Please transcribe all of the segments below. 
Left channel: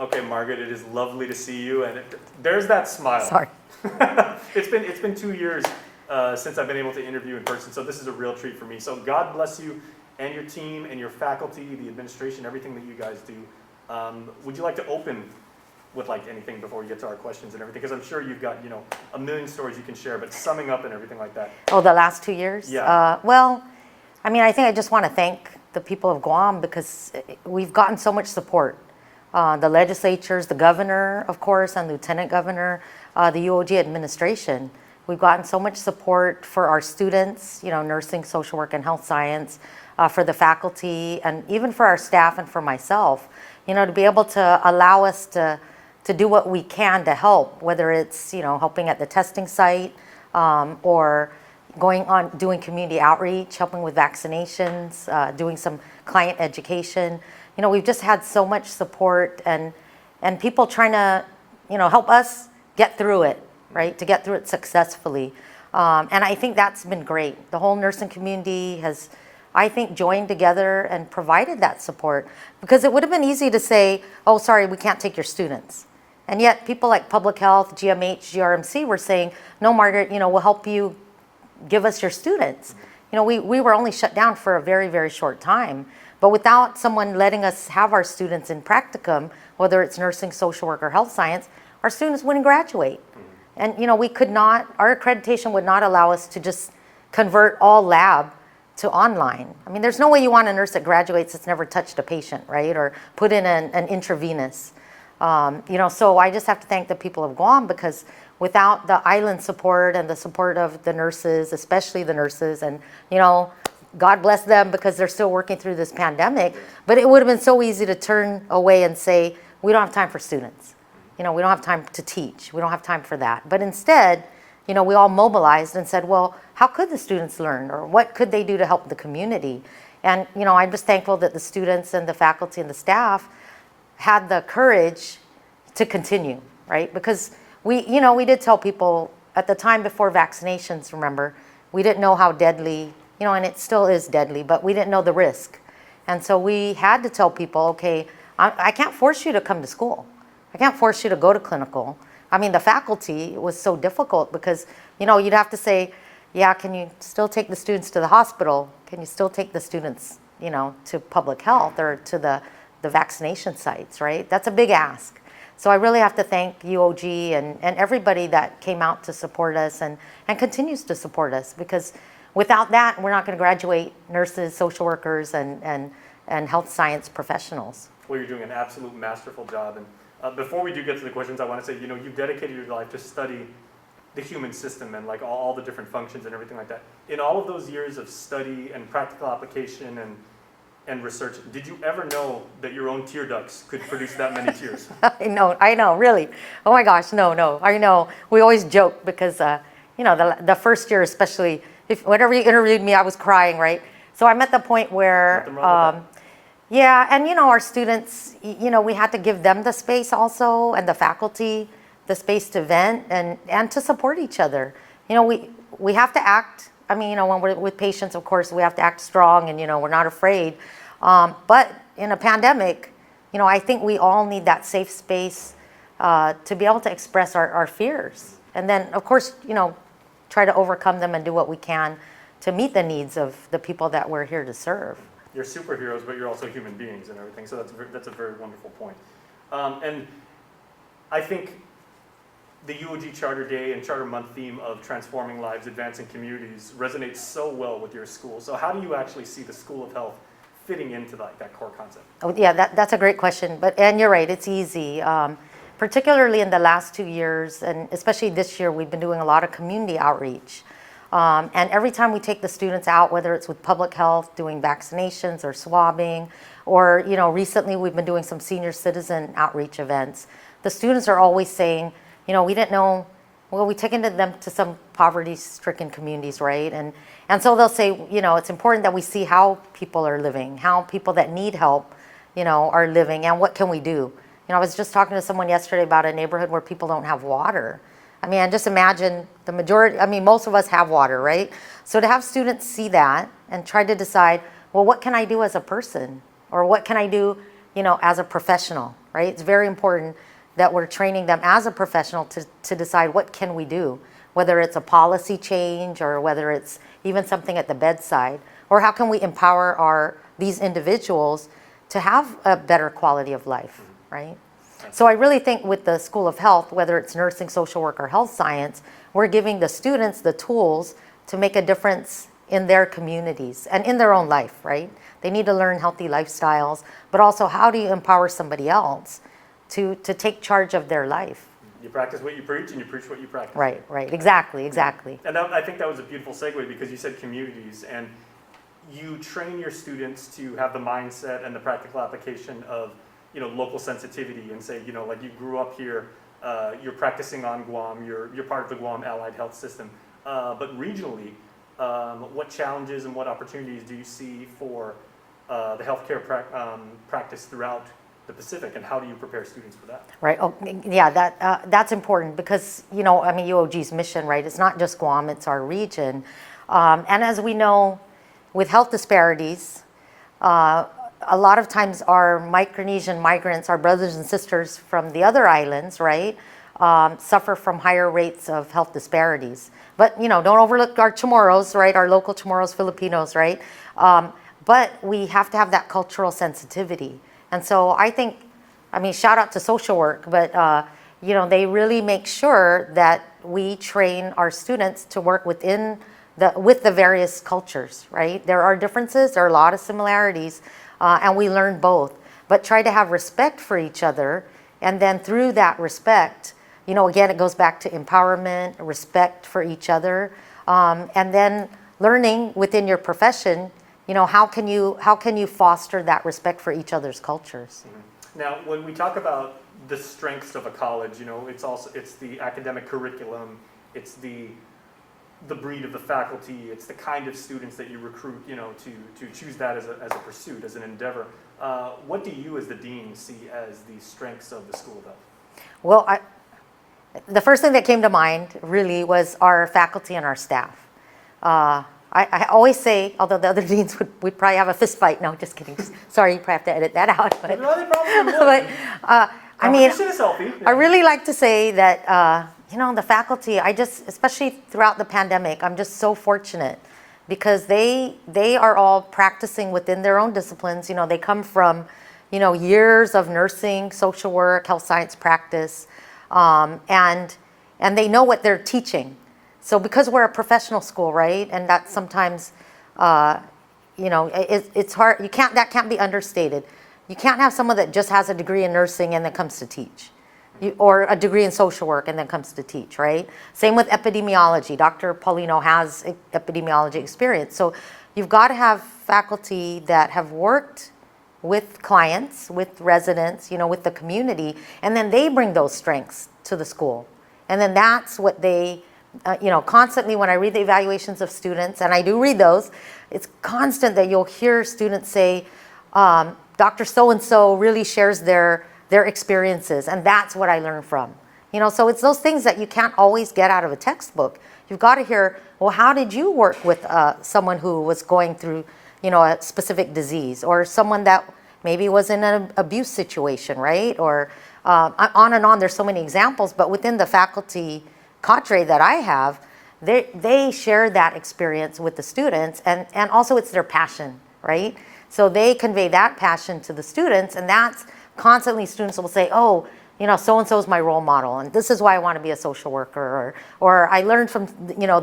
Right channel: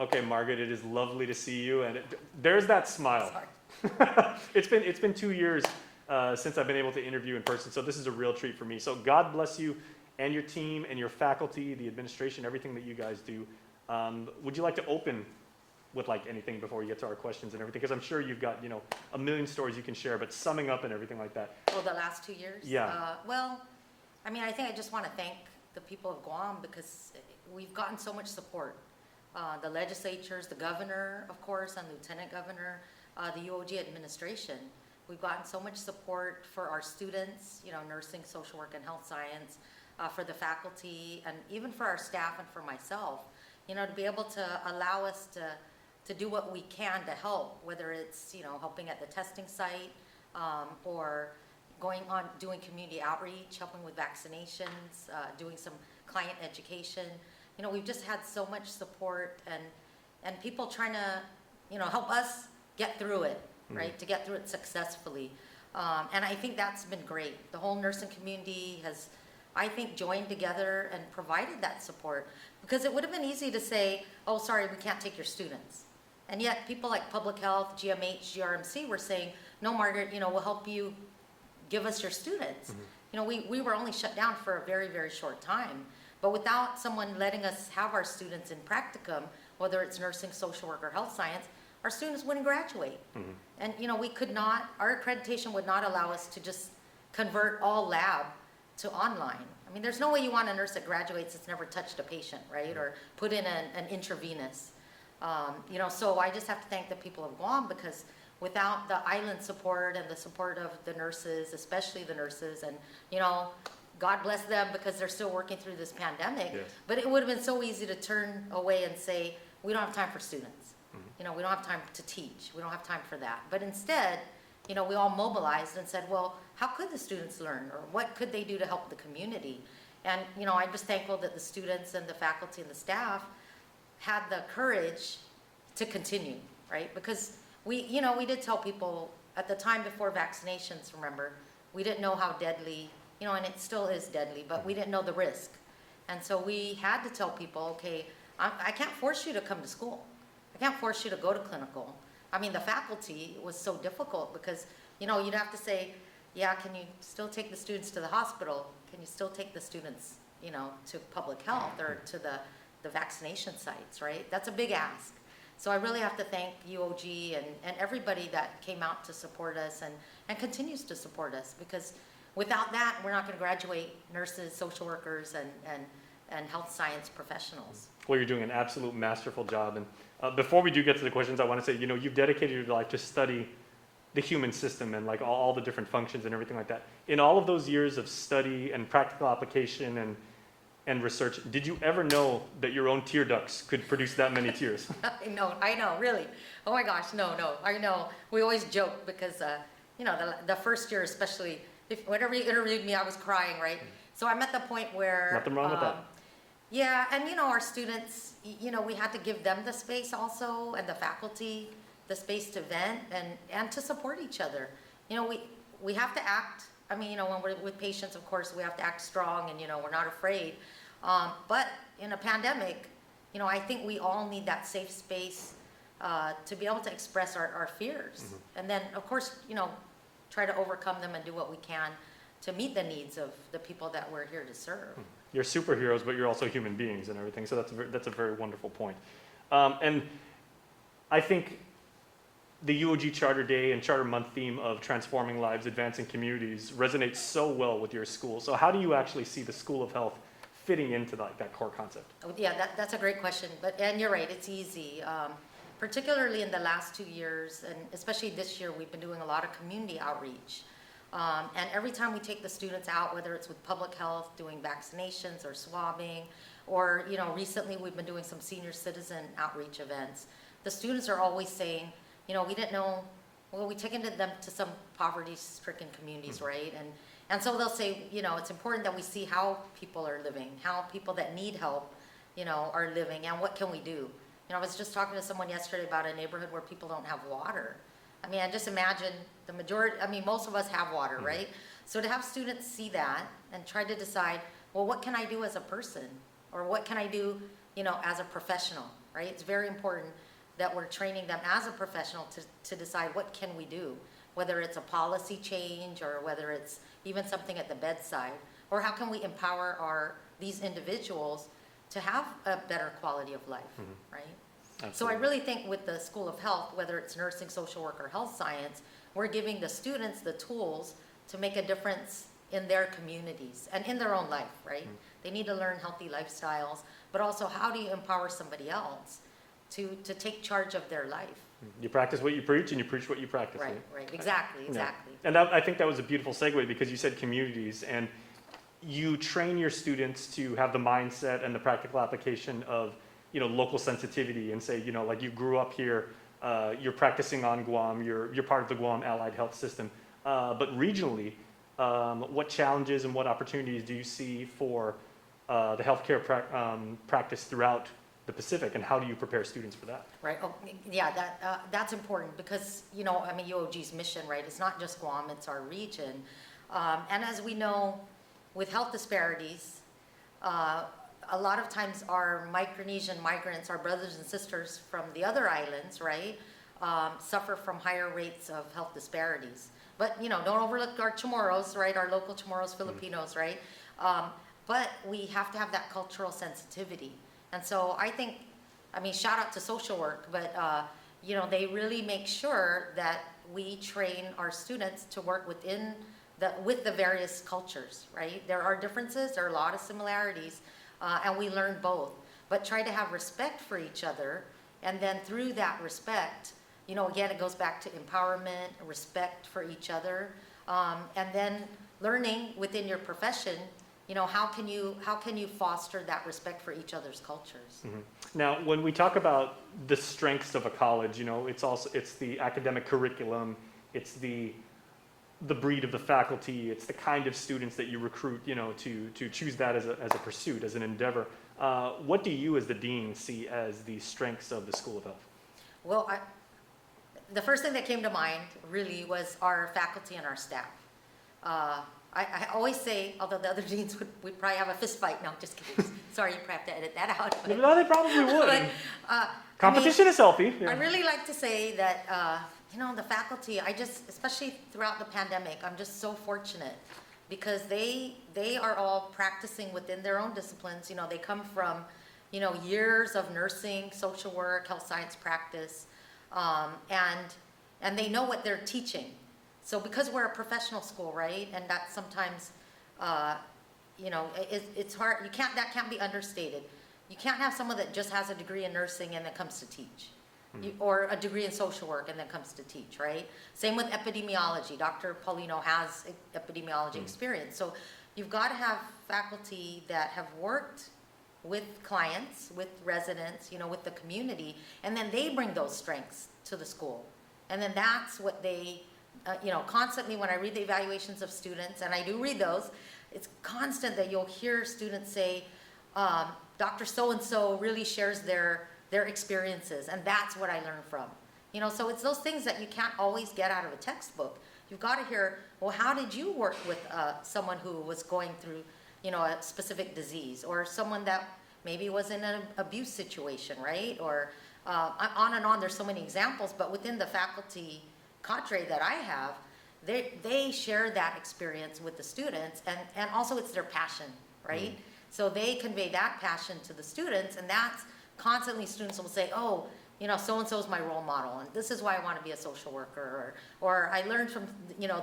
Okay, Margaret, it is lovely to see you, and there's that smile. Sorry. It's been 2 years since I've been able to interview in person, so this is a real treat for me. So God bless you and your team and your faculty, the administration, everything that you guys do. Would you like to open with like anything before we get to our questions and everything? Because I'm sure you've got, you know, a million stories you can share, but summing up and everything like that. Oh, the last 2 years? Yeah. Well, I mean, I think I just want to thank the people of Guam because we've gotten so much support. The legislatures, the governor, of course, and lieutenant governor, the UOG administration. We've gotten so much support for our students, you know, nursing, social work, and health science, for the faculty, and even for our staff and for myself, you know, to be able to allow us to do what we can to help, whether it's, you know, helping at the testing site, or going on doing community outreach, helping with vaccinations, doing some client education. You know, we've just had so much support and people trying to, you know, help us get through it, right? To get through it successfully. And I think that's been great. The whole nursing community has, I think, joined together and provided that support, because it would have been easy to say, oh, sorry, we can't take your students. And yet people like public health, GMH, GRMC were saying, no, Margaret, you know, we'll help you give us your students. You know, we were only shut down for a very, very short time. But without someone letting us have our students in practicum, whether it's nursing, social work, or health science, our students wouldn't graduate. And, you know, we could not, our accreditation would not allow us to just convert all lab to online. I mean, there's no way you want a nurse that graduates that's never touched a patient, right? Or put in an intravenous. You know, so I just have to thank the people of Guam, because without the island support and the support of the nurses, especially the nurses, and, you know, God bless them because they're still working through this pandemic, but it would have been so easy to turn away and say, we don't have time for students. You know, we don't have time to teach. We don't have time for that. But instead, you know, we all mobilized and said, well, how could the students learn, or what could they do to help the community? And, you know, I'm just thankful that the students and the faculty and the staff had the courage to continue, right? Because we, you know, we did tell people at the time before vaccinations, remember, we didn't know how deadly, you know, and it still is deadly, but we didn't know the risk. And so we had to tell people, okay, I can't force you to come to school. I can't force you to go to clinical. I mean, the faculty was so difficult because, you know, you'd have to say, yeah, can you still take the students to the hospital? Can you still take the students, you know, to public health or to the vaccination sites, right? That's a big ask. So I really have to thank UOG and everybody that came out to support us and continues to support us, because without that, we're not going to graduate nurses, social workers, and health science professionals. Well, you're doing an absolute masterful job. And before we do get to the questions, I want to say, you know, you've dedicated your life to study the human system and like all the different functions and everything like that. In all of those years of study and practical application and research, did you ever know that your own tear ducts could produce that many tears? I know, really. Oh my gosh, no, I know. We always joke because, you know, the first year especially, whenever you interviewed me, I was crying, right? So I'm at the point where, yeah, and you know, our students, you know, we had to give them the space also, and the faculty, the space to vent and to support each other. You know, we have to act, I mean, you know, when we're with patients, of course, we have to act strong and, you know, we're not afraid. But in a pandemic, you know, I think we all need that safe space to be able to express our fears. And then, of course, you know, try to overcome them and do what we can to meet the needs of the people that we're here to serve. You're superheroes, but you're also human beings and everything. So that's a very wonderful point. And I think the UOG Charter Day and Charter Month theme of transforming lives, advancing communities resonates so well with your school. So how do you actually see the School of Health fitting into that core concept? Oh, yeah, that's a great question. And you're right, it's easy. Particularly in the last 2 years, and especially this year, we've been doing a lot of community outreach. And every time we take the students out, whether it's with public health, doing vaccinations or swabbing, or, you know, recently we've been doing some senior citizen outreach events, the students are always saying, you know, we didn't know, well, we taken them to some poverty-stricken communities, right? And so they'll say, you know, it's important that we see how people are living, how people that need help, you know, are living, and what can we do? You know, I was just talking to someone yesterday about a neighborhood where people don't have water. I mean, I just imagine the majority, I mean, most of us have water, right? So to have students see that and try to decide, well, what can I do as a person? Or what can I do, you know, as a professional, right? It's very important that we're training them as a professional to decide what can we do, whether it's a policy change or whether it's even something at the bedside, or how can we empower these individuals to have a better quality of life, right? So I really think with the School of Health, whether it's nursing, social work, or health science, we're giving the students the tools to make a difference in their communities and in their own life, right? They need to learn healthy lifestyles, but also how do you empower somebody else to take charge of their life? You practice what you preach, and you preach what you practice. Right, right, exactly. And I think that was a beautiful segue, because you said communities, and you train your students to have the mindset and the practical application of, local sensitivity, and say, like, you grew up here, you're practicing on Guam, you're part of the Guam Allied Health System, but regionally, what challenges and what opportunities do you see for the healthcare practice throughout the Pacific, and how do you prepare students for that? Right. Oh, yeah. That's important because UOG's mission, right? It's not just Guam; it's our region. And as we know, with health disparities, a lot of times our Micronesian migrants, our brothers and sisters from the other islands, right, suffer from higher rates of health disparities. But don't overlook our Chamorros, right? Our local Chamorros, Filipinos, right? But we have to have that cultural sensitivity. And so I think, shout out to social work, but they really make sure that we train our students to work with the various cultures, right? There are differences, there are a lot of similarities, and we learn both. But try to have respect for each other, and then through that respect, again, it goes back to empowerment, respect for each other, and then learning within your profession, how can you foster that respect for each other's cultures? Mm-hmm. Now, when we talk about the strengths of a college, it's the academic curriculum, it's the breed of the faculty, it's the kind of students that you recruit, to choose that as a pursuit, as an endeavor. What do you, as the dean, see as the strengths of the School of Health? Well, the first thing that came to mind really was our faculty and our staff. I always say, although the other deans would probably have a fist fight. No, just kidding. Sorry, you probably have to edit that out. But, no, they probably would. But, competition is healthy. Yeah. I really like to say that, the faculty, especially throughout the pandemic, I'm just so fortunate because they are all practicing within their own disciplines. They come from, years of nursing, social work, health science practice, and they know what they're teaching. So because we're a professional school, right, and that's sometimes, it's hard. That can't be understated. You can't have someone that just has a degree in nursing and then comes to teach, or a degree in social work and then comes to teach, right? Same with epidemiology. Dr. Paulino has epidemiology experience. So you've got to have faculty that have worked with clients, with residents, with the community, and then they bring those strengths to the school. And then that's what they, constantly when I read the evaluations of students, and I do read those, it's constant that you'll hear students say, Dr. So-and-so really shares their experiences, and that's what I learned from. So it's those things that you can't always get out of a textbook. You've got to hear, well, how did you work with someone who was going through, a specific disease, or someone that maybe was in an abuse situation, right? Or on and on, there's so many examples, but within the faculty cadre that I have, they share that experience with the students, and also it's their passion, right? So they convey that passion to the students, and that's constantly students will say, oh, so-and-so is my role model, and this is why I want to be a social worker, or I learned from,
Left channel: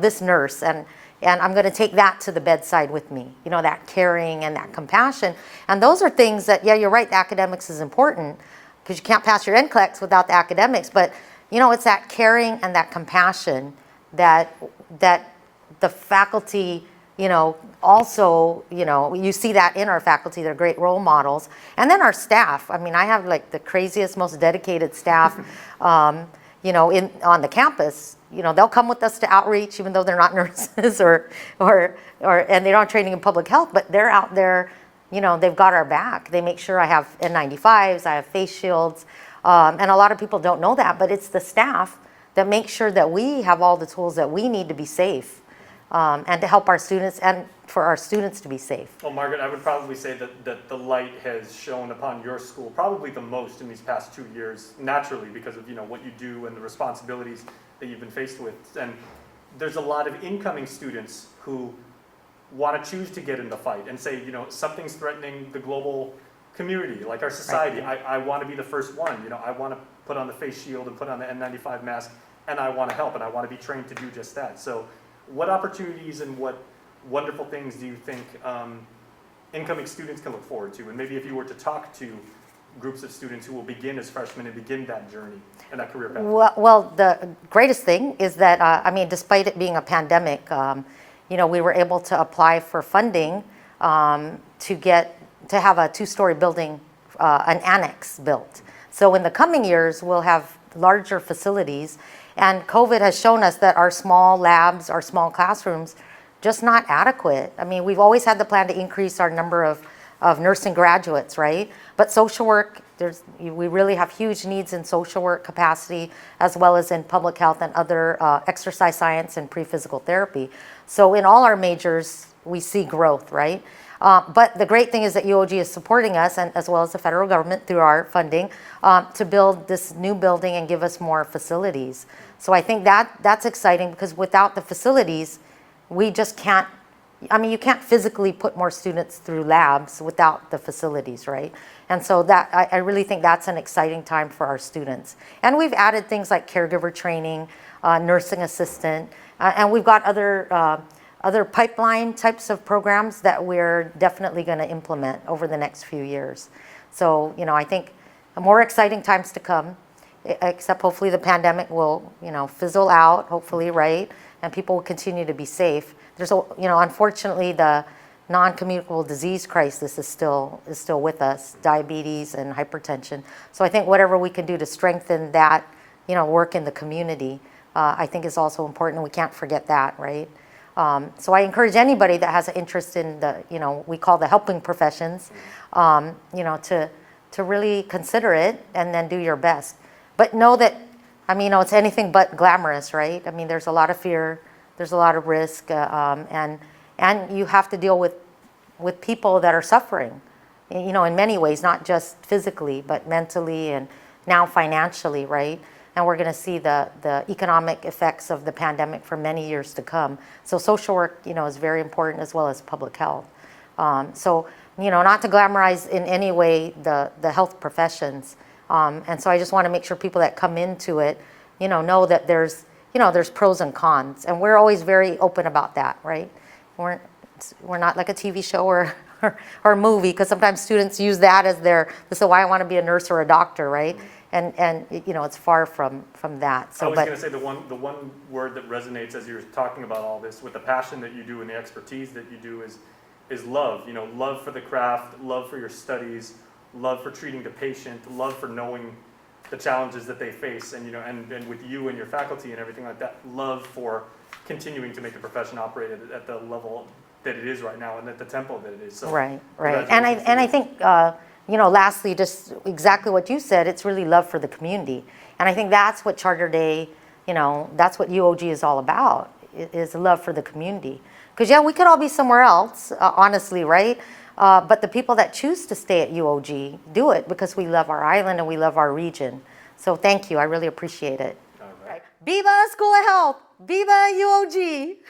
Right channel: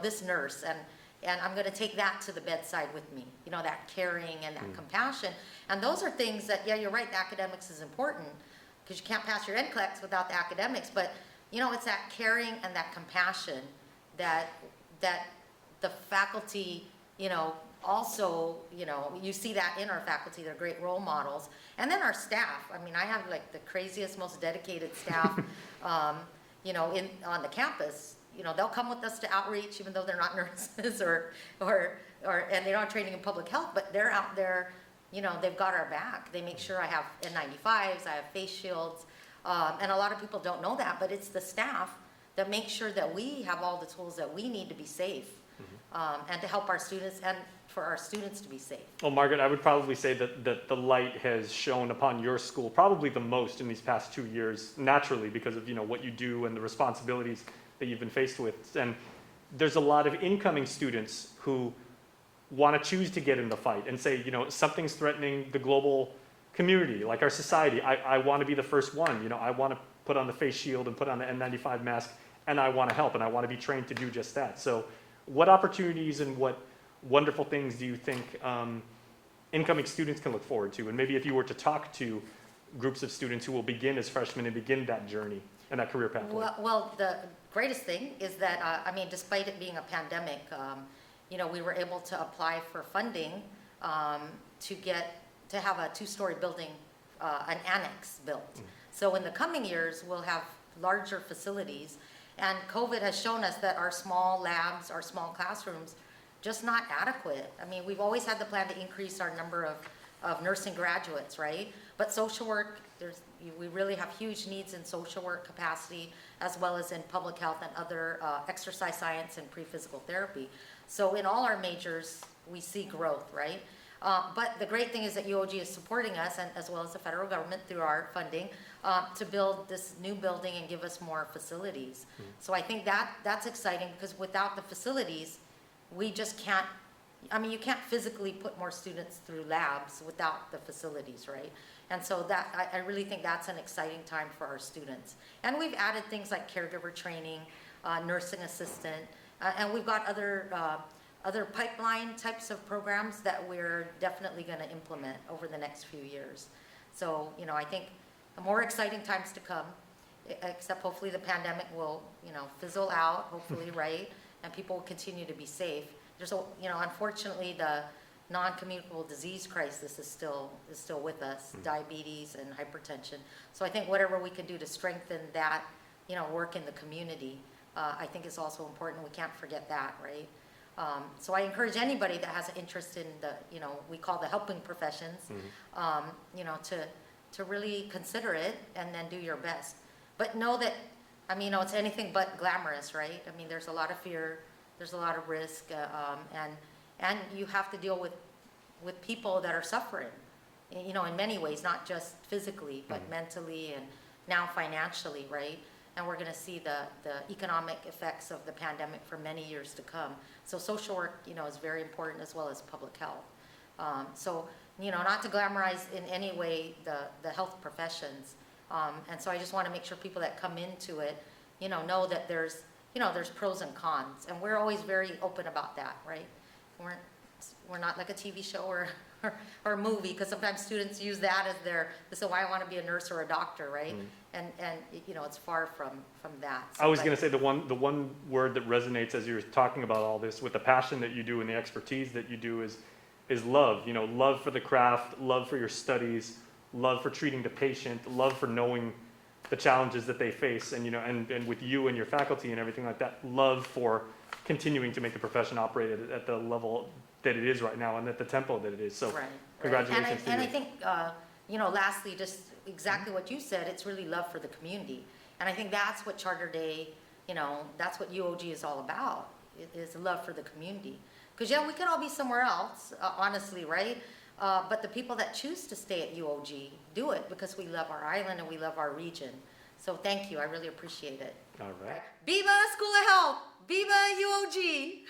this nurse, and I'm going to take that to the bedside with me, that caring and that compassion. And those are things that, yeah, you're right, the academics is important, because you can't pass your NCLEX without the academics, but, it's that caring and that compassion that the faculty, also, you see that in our faculty. They're great role models. And then our staff. I have like the craziest, most dedicated staff, on the campus. They'll come with us to outreach, even though they're not nurses and they don't have training in public health, but they're out there, they've got our back. They make sure I have N95s, I have face shields. And a lot of people don't know that, but it's the staff that makes sure that we have all the tools that we need to be safe. and to help our students and for our students to be safe. Well, Margaret, I would probably say that the light has shone upon your school probably the most in these past 2 years, naturally, because of what you do and the responsibilities that you've been faced with. And there's a lot of incoming students who want to choose to get in the fight and say, something's threatening the global community, like our society. Right. I want to be the first one. I want to put on the face shield and put on the N95 mask, and I want to help, and I want to be trained to do just that. So what opportunities and what wonderful things do you think incoming students can look forward to? And maybe if you were to talk to groups of students who will begin as freshmen and begin that journey and that career path. Well, the greatest thing is that, despite it being a pandemic, we were able to apply for funding to have a 2-story building, an annex built. So in the coming years, we'll have larger facilities. And COVID has shown us that our small labs, our small classrooms, just not adequate. We've always had the plan to increase our number of nursing graduates, right? But social work, we really have huge needs in social work capacity, as well as in public health and other exercise science and pre-physical therapy. So in all our majors, we see growth, right? But the great thing is that UOG is supporting us, and as well as the federal government through our funding, to build this new building and give us more facilities. So I think that's exciting, because without the facilities, we just can't, you can't physically put more students through labs without the facilities, right? And so I really think that's an exciting time for our students. And we've added things like caregiver training, nursing assistant, and we've got other pipeline types of programs that we're definitely going to implement over the next few years. So, I think more exciting times to come, except hopefully the pandemic will, fizzle out, hopefully, right? And people will continue to be safe. There's, unfortunately, the non-communicable disease crisis is still with us, diabetes and hypertension. So I think whatever we can do to strengthen that, work in the community, I think is also important, and we can't forget that, right? So I encourage anybody that has an interest in the, we call the helping professions, to really consider it and then do your best. But know that, it's anything but glamorous, right? There's a lot of fear, there's a lot of risk, and you have to deal with people that are suffering, in many ways, not just physically, but mentally and now financially, right? And we're going to see the economic effects of the pandemic for many years to come. So social work, is very important, as well as public health. So, not to glamorize in any way the health professions. And so I just want to make sure people that come into it, know that there's pros and cons. And we're always very open about that, right? We're not like a TV show or a movie, because sometimes students use that as they say, why I want to be a nurse or a doctor, right? And it's far from that. So, I was going to say the one word that resonates as you're talking about all this, with the passion that you do and the expertise that you do, is love. Love for the craft, love for your studies, love for treating the patient, love for knowing the challenges that they face, and and with you and your faculty and everything like that, love for continuing to make the profession operate at the level that it is right now and at the tempo that it is. So right. And I think. Lastly, just exactly what you said, it's really love for the community. And I think that's what Charter Day, that's what UOG is all about, is love for the community. Because, we could all be somewhere else, honestly, right? But the people that choose to stay at UOG do it because we love our island and we love our region. So thank you. I really appreciate it. All right. Viva School of Health! Viva UOG!